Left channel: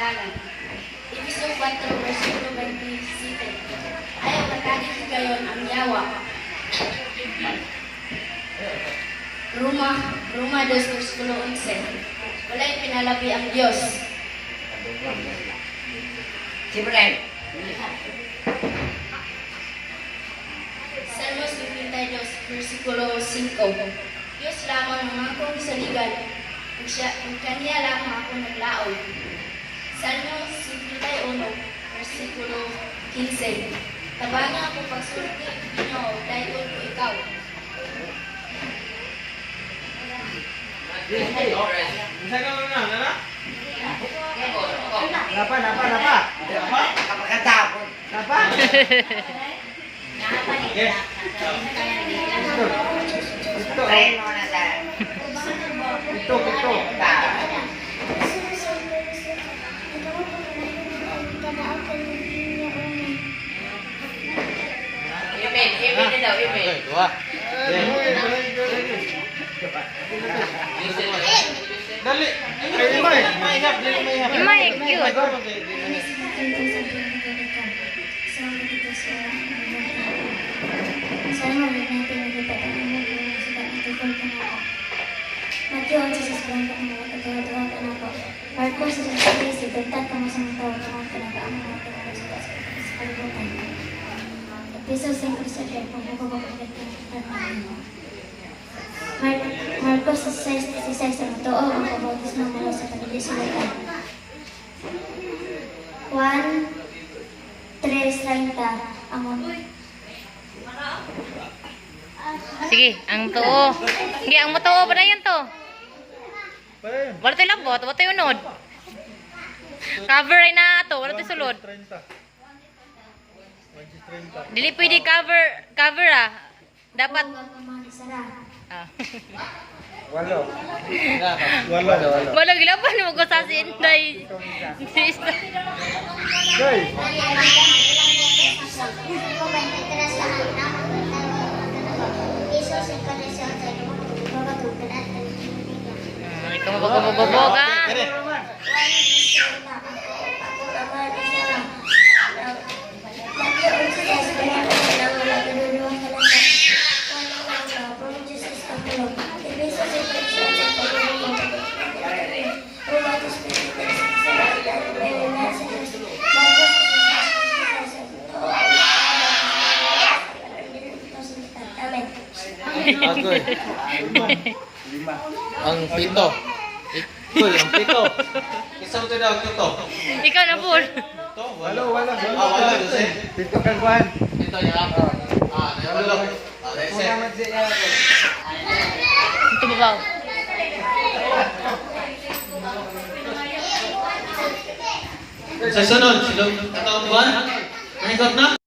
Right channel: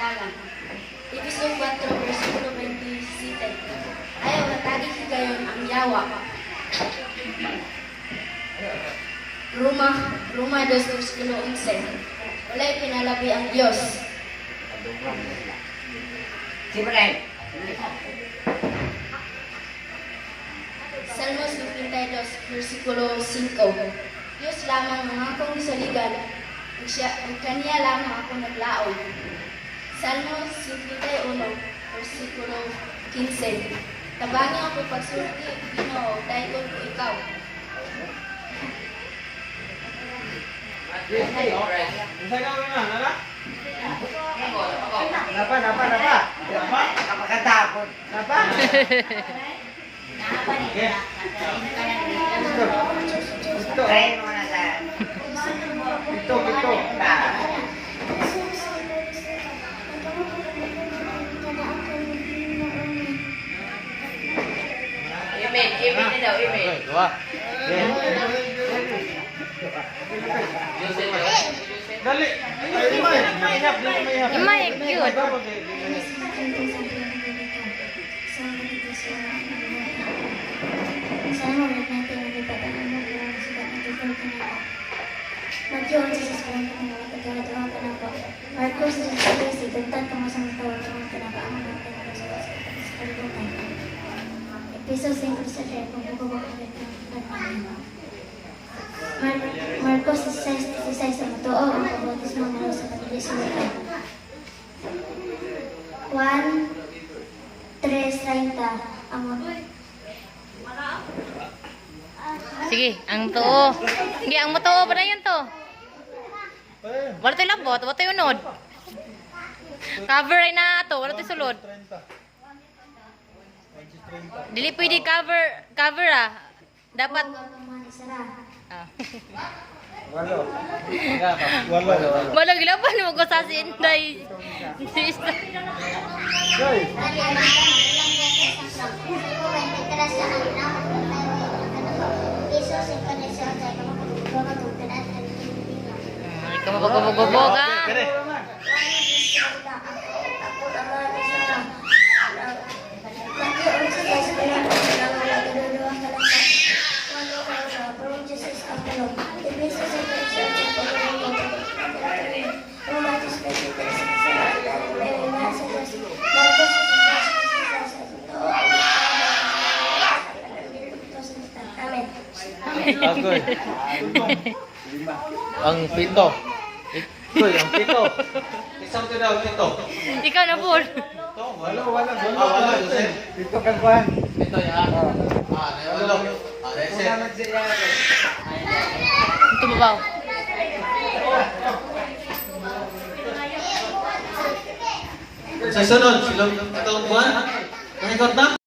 dalan. Episo 4, versikulo 27. Ayaw matagi gayon ang yawa. Roma 2, versikulo 11. Walay pinalabi ang Diyos. Simulan. Salmos 52, versikulo 5. Diyos lamang mga akong isaligan, ug kaniya lamang ako naglaog. Salmos 51, versikulo 15. Tabangin ako pagsulti, Ginoo, dayon ko ikaw. Bisa ka muna, nara? Napa? Kapagkatapon. Napa? Okay. Tren mo na sa... Ito. Imin daw, imin. Dua. Dali. Mahihap. My cute. Marcos 16, tentang kamu sama tahu kamu kenapa kamu melakukan sekali Episode 5 saja, Marcos 16 sa totoo ang pabautismo nila sa pagdisilutan. 1:3:30 ang Sige, ang too. Hindi, ang too ba na yun to? Wala tayo labot, wala tayo unod. Cover ay na ito, wala tayo sulod. Dili pwede cover ah. Dapat. Ah. Walo. Wala gilapan mo ko sa sinday. Ikaw magpapagpapag ka. Agoy. Ang pito. Ikoy, ang pito. Isang to daw pito. Ikaw na full. Ito, wala. Wala, Jose. Pito kagwan. Ito ya. Wala. Jose. Ito babaw. Sa sunod, silog katawang buwan. Maikot na.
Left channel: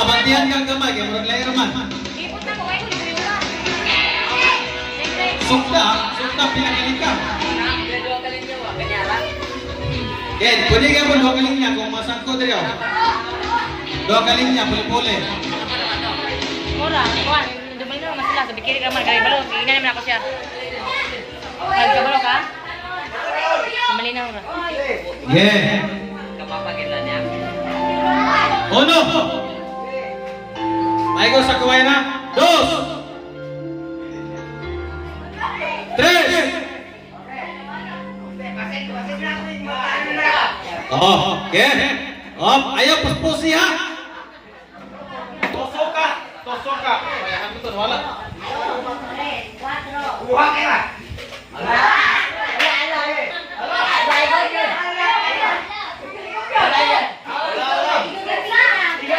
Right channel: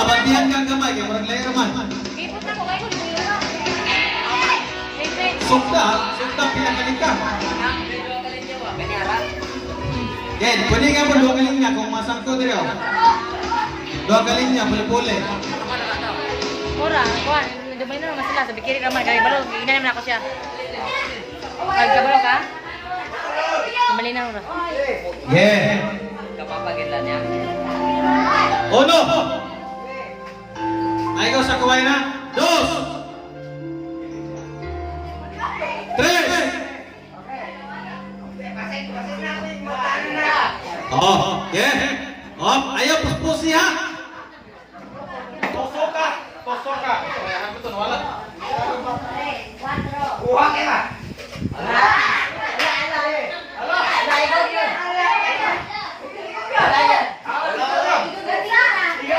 Bantihan kang gamay, kaya marang layo naman. Sukta pinakaling ka. Yan, kunin ka po dua kaling niya kung masangko din yun. Dua kaling niya, puli-puli. Mura, kuhan. Dumay na naman sila. Sabi kiri ka man. Kaya balo, inanim na ako siya. Ay, kabalo ka? Dumali na mura. Yeah. Kapapagilan niya. Uno. Ay ko sa kuway na. Dos. Tres. Oh, yeah. Oh, ayaw puspusi ha. Tosoka. Ayan betul wala. Buha ka ba?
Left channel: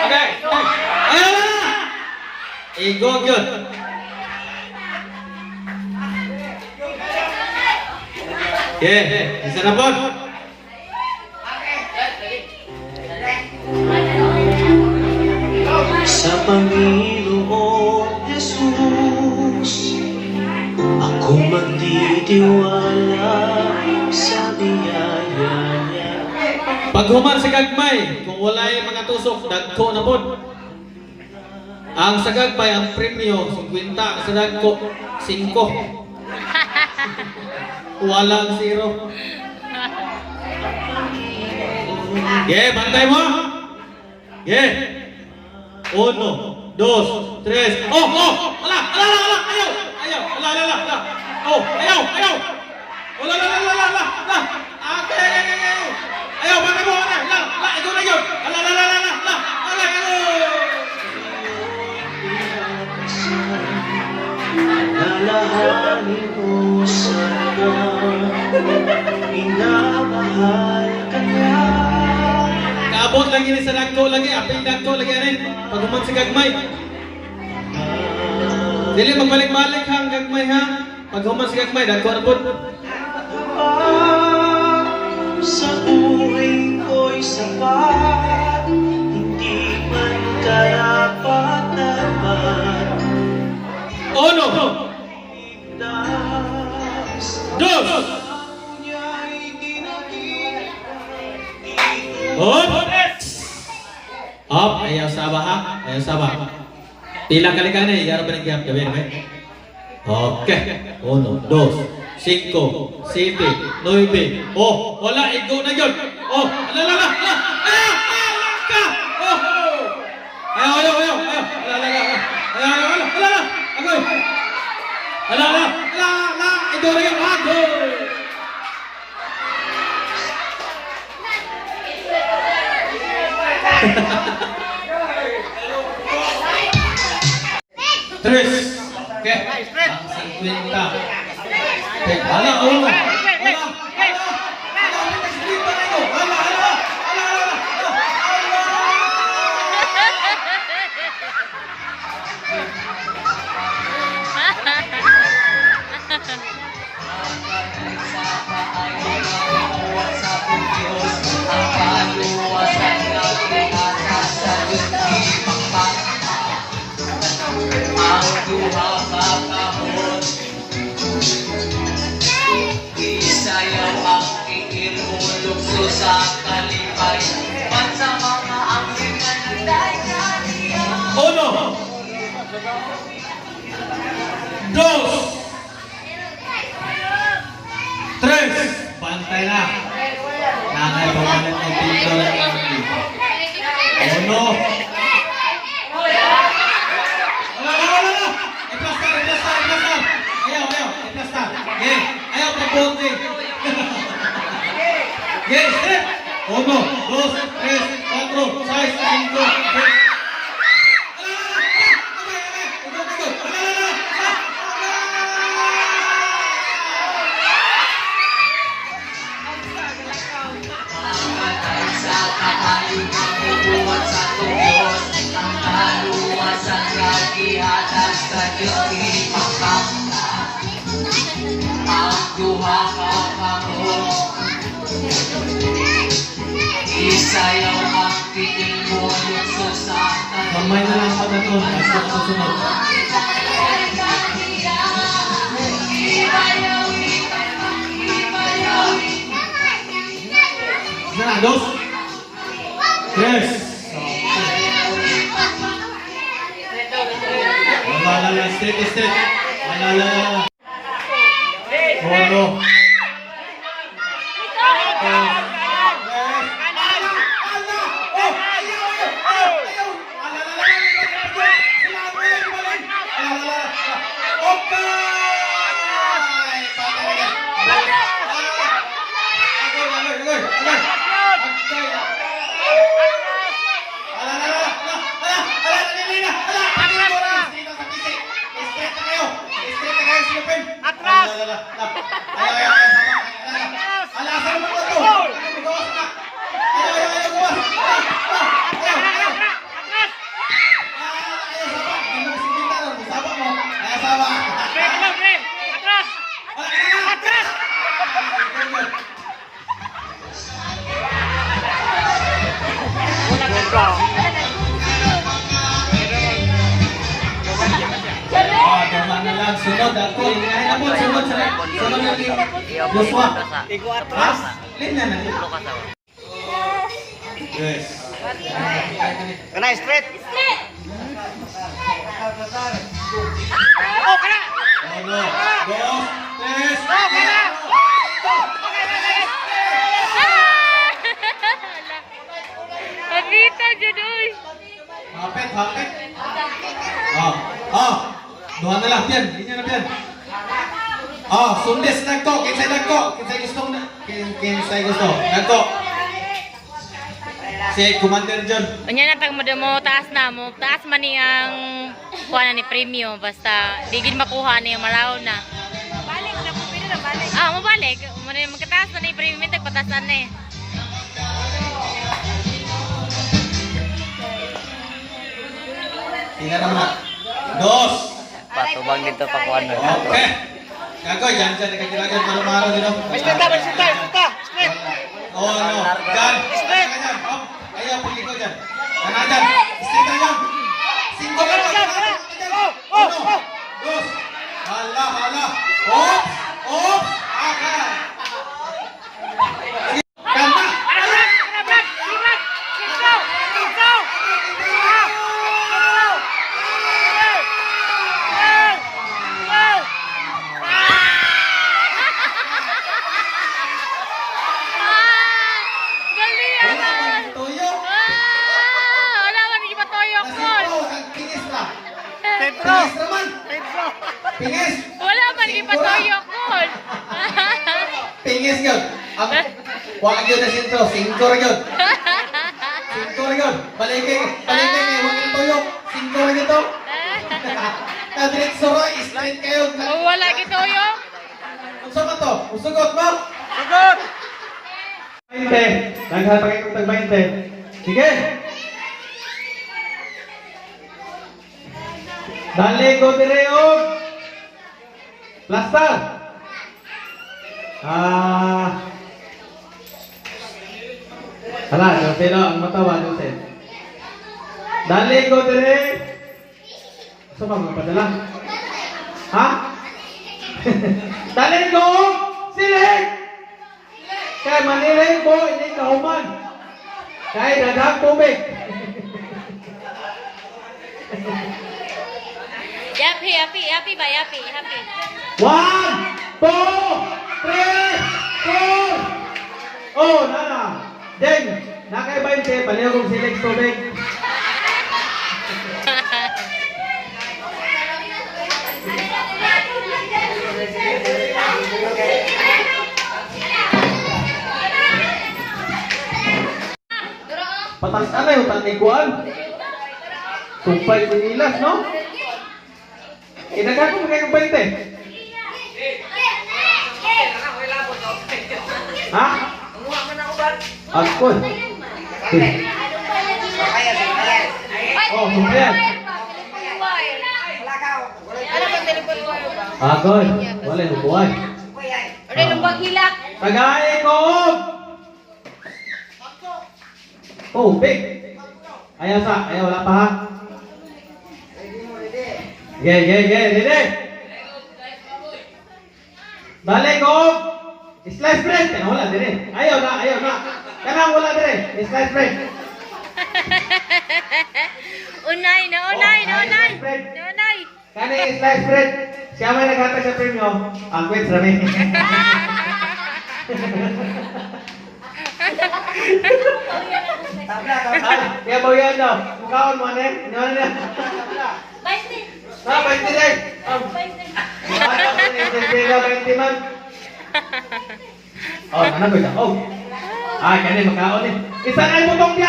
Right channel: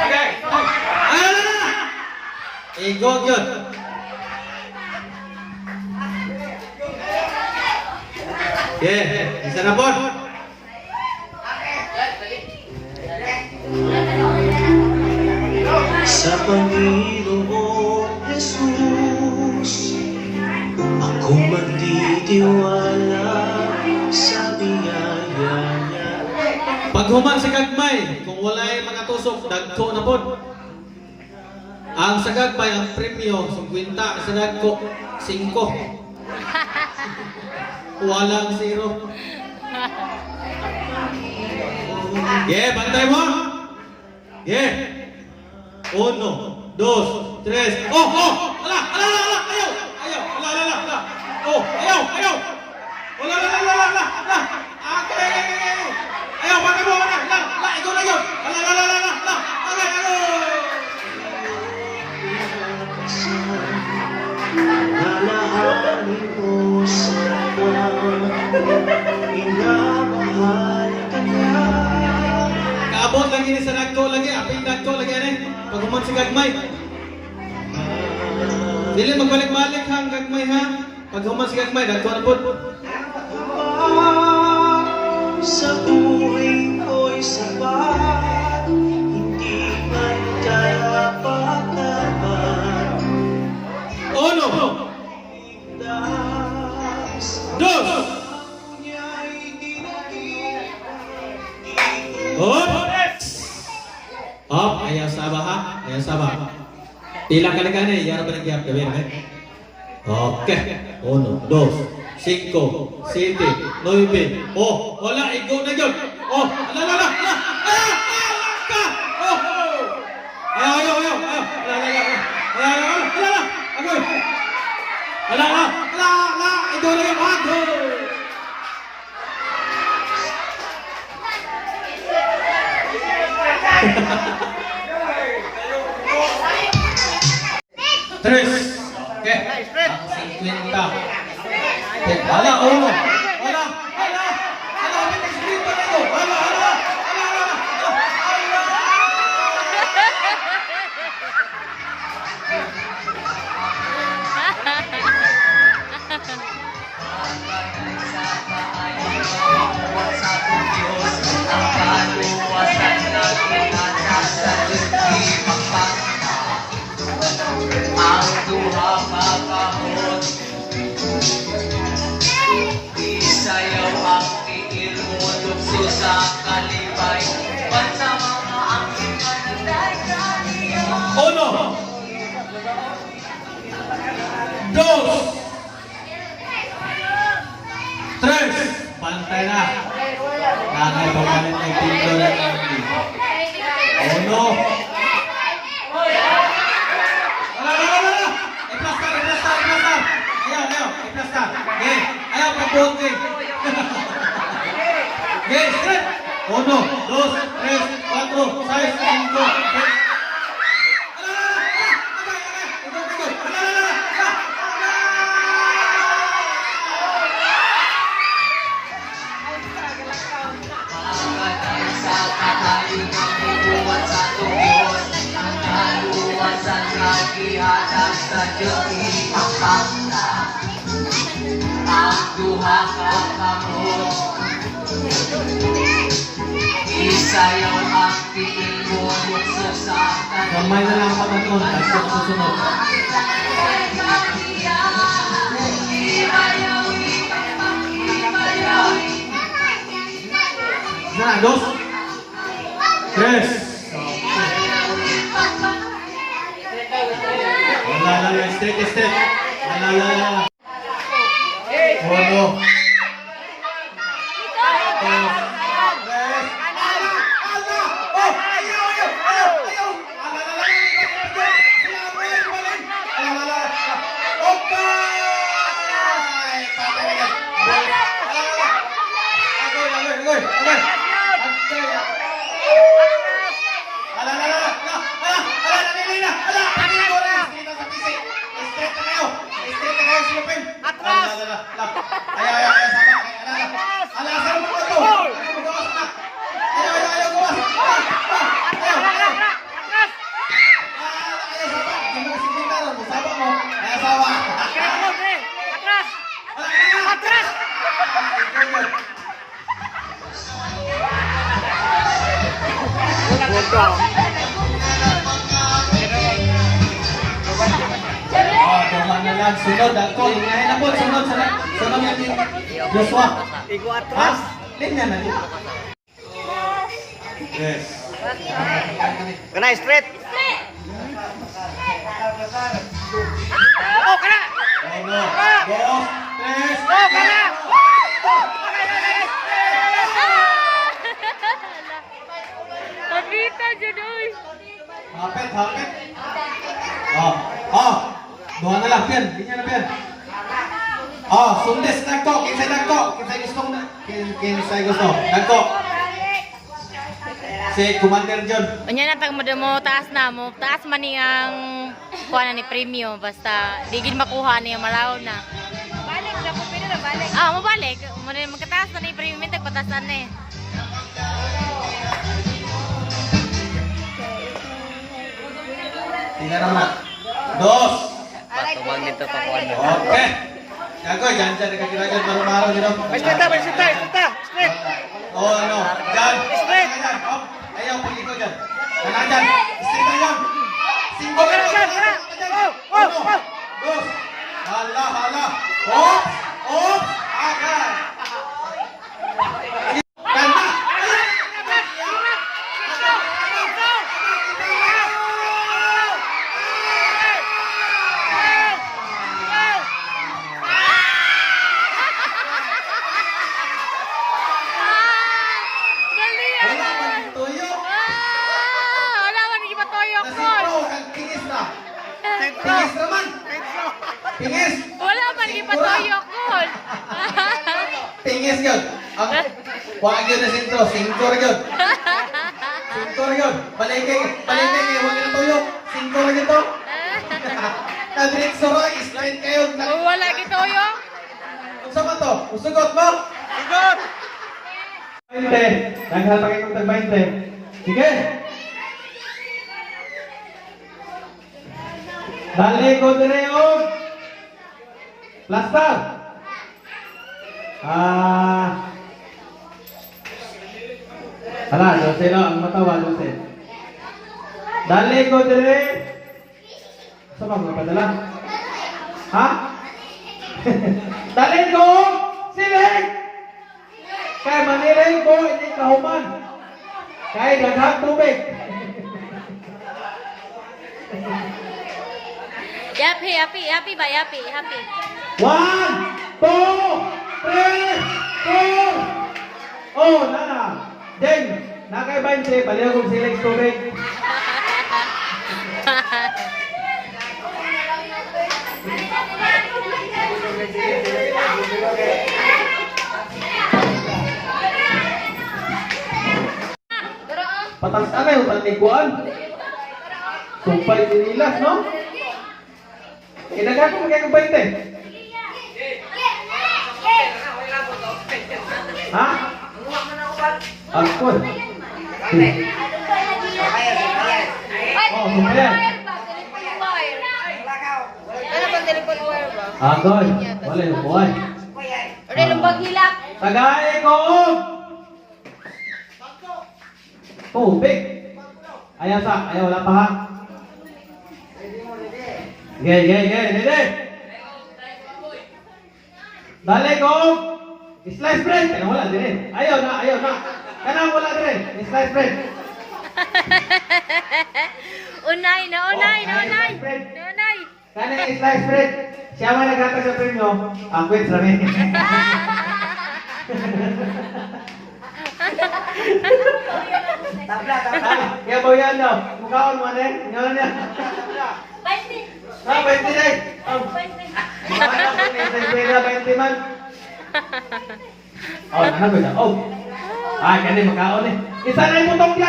Okay. Igo gyud. Bisa na po. Sa Panginoon Yesus tiwala sa biyaya niya. Paghuman sa gagmay, kung walay mga tusok, dagko na pod. Ang sa gagmay, ang premyo, 50, sa dagko, 5. Walang 0. Bantay mo. 1, 2, 3. Oh! Ala! Ayaw! Ala! Oh! Ayaw! Ala! Ayaw! Bantay mo! Ala! Ikaw na yun! Ala! Lalahanin mo sana, minamahal ka niya. Kaabot lagi ni sa dagko lagi, apil dagko lagi ani. Paghuman sa gagmay. Dili magbalik-balik hang gagmay ha. Paghuman sa gagmay dagko na pod. Sa buhay ko'y sapat, hindi man karapat naman. 1, 2. Up, ayaw sabah ha. Ayaw sabah. Pila kali ka na, yara ba nag-gap ka, ben? Okay. 1, 2, 5, 7, 9. Oh, wala, igo na yun. Oh, ala. Ayaw. Ala. Igo na yun. Ako. Tres. Okay. Ang 50. Ala, ulo. Ala. Ang duha kakahon, isayaw ang tiil mo, lukso sa kalipay, bansa mga angin na nagdayaniya. 1, 2, 3. Pantay na. Nanay pamalit ng pinto ng angin. 1. Iplastar. Ayaw. Iplastar. Ayaw pagbuhong. Straight. 1, 2, 3, 4, 5, 5. Sa kahalingang bubuhat sa tuyon, ang kaluwasan kagihanan sa Diyos ipakakta. Ang duha kakahon, isayaw ang tiil mo, lukso sa Kamay na lang patanon. At susunod. Na, 2, 3. Wala. Straight. Wala. 1. sunod ako. Lingahin na po. Sunod yung Joshua. Ha? Linya na. Yes. Kana straight. Uno, dos, tres. Pagkita, Judoy. Hapit. Duha na lang, Pian. Linya na, Pian. Sundis nagko. Kinsay gusto. Nagko. Si Commander John. Unya na tag mo taas na mo. Taas man ni ang kuha na ni premium basta di gid makuha niya malaw na. Balik na ko pero balik. Mabalik. Magkataas na ni premium tag patasan na eh. Tingnan naman. Dos. Patubang dito pa kuan. Okay. Kagoy, dyan nakakiragan maro-maro dito. Basta. Ano? Dyan. Dyan. Ayaw, pagliko dyan. Kanan dyan. Straight na dyan. Singko ka dyan. Uno. Dos. Hala. Oops. Akan. Kanta. Gali Wala man tuyo. wala man di patoyok ko. Pingis na. Pingis naman. Pingis. Wala man di patoyok ko. Pingis yun. Wag yun na sintro. Singko rin yun. Baligay niya. Huwag na tuyok. Singko rin ito. Nadirik soroy. Straight kayo. Wala gitoyok. Unsa man to? Usugot mo? Sugot! 20. Naghatang itong tag 20. Sige. Dali ko dire og plaster. Hala, doon lang ang matawa doon. Dali ko dire. Sa pa mo padala? Ha? Dali ko silik. Kay maniling ko ini kahuman. Kay daghang tubig. Yapi ba? Yapi. 1, 2, 3, 4. Oh, nana. Then, nakay 20, palihan kong silik tubig. Patas anay yung taniguan. Sumpay tinilas, no? Kinagay ko magkayong 20. Ha? Ako. Oh, sumpayan. Agoy. Wala yung buhay. Tagay ko! Tubig. Ayaw wala pa ha? Ready. Balik ko! Slice bread! Kaya wala din eh. Ayaw na. Kaya wala din eh. Slice bread. Unay. Kaya slice bread. Siya may nagkata sa premyo. Ang quits rami. Kaya ba yan no? Mukhaon mo na eh. Ano na? 20 day. 20 man. Oh, nanagoy na. Oh. Kaya makaon eh. Isa na yung butong yan.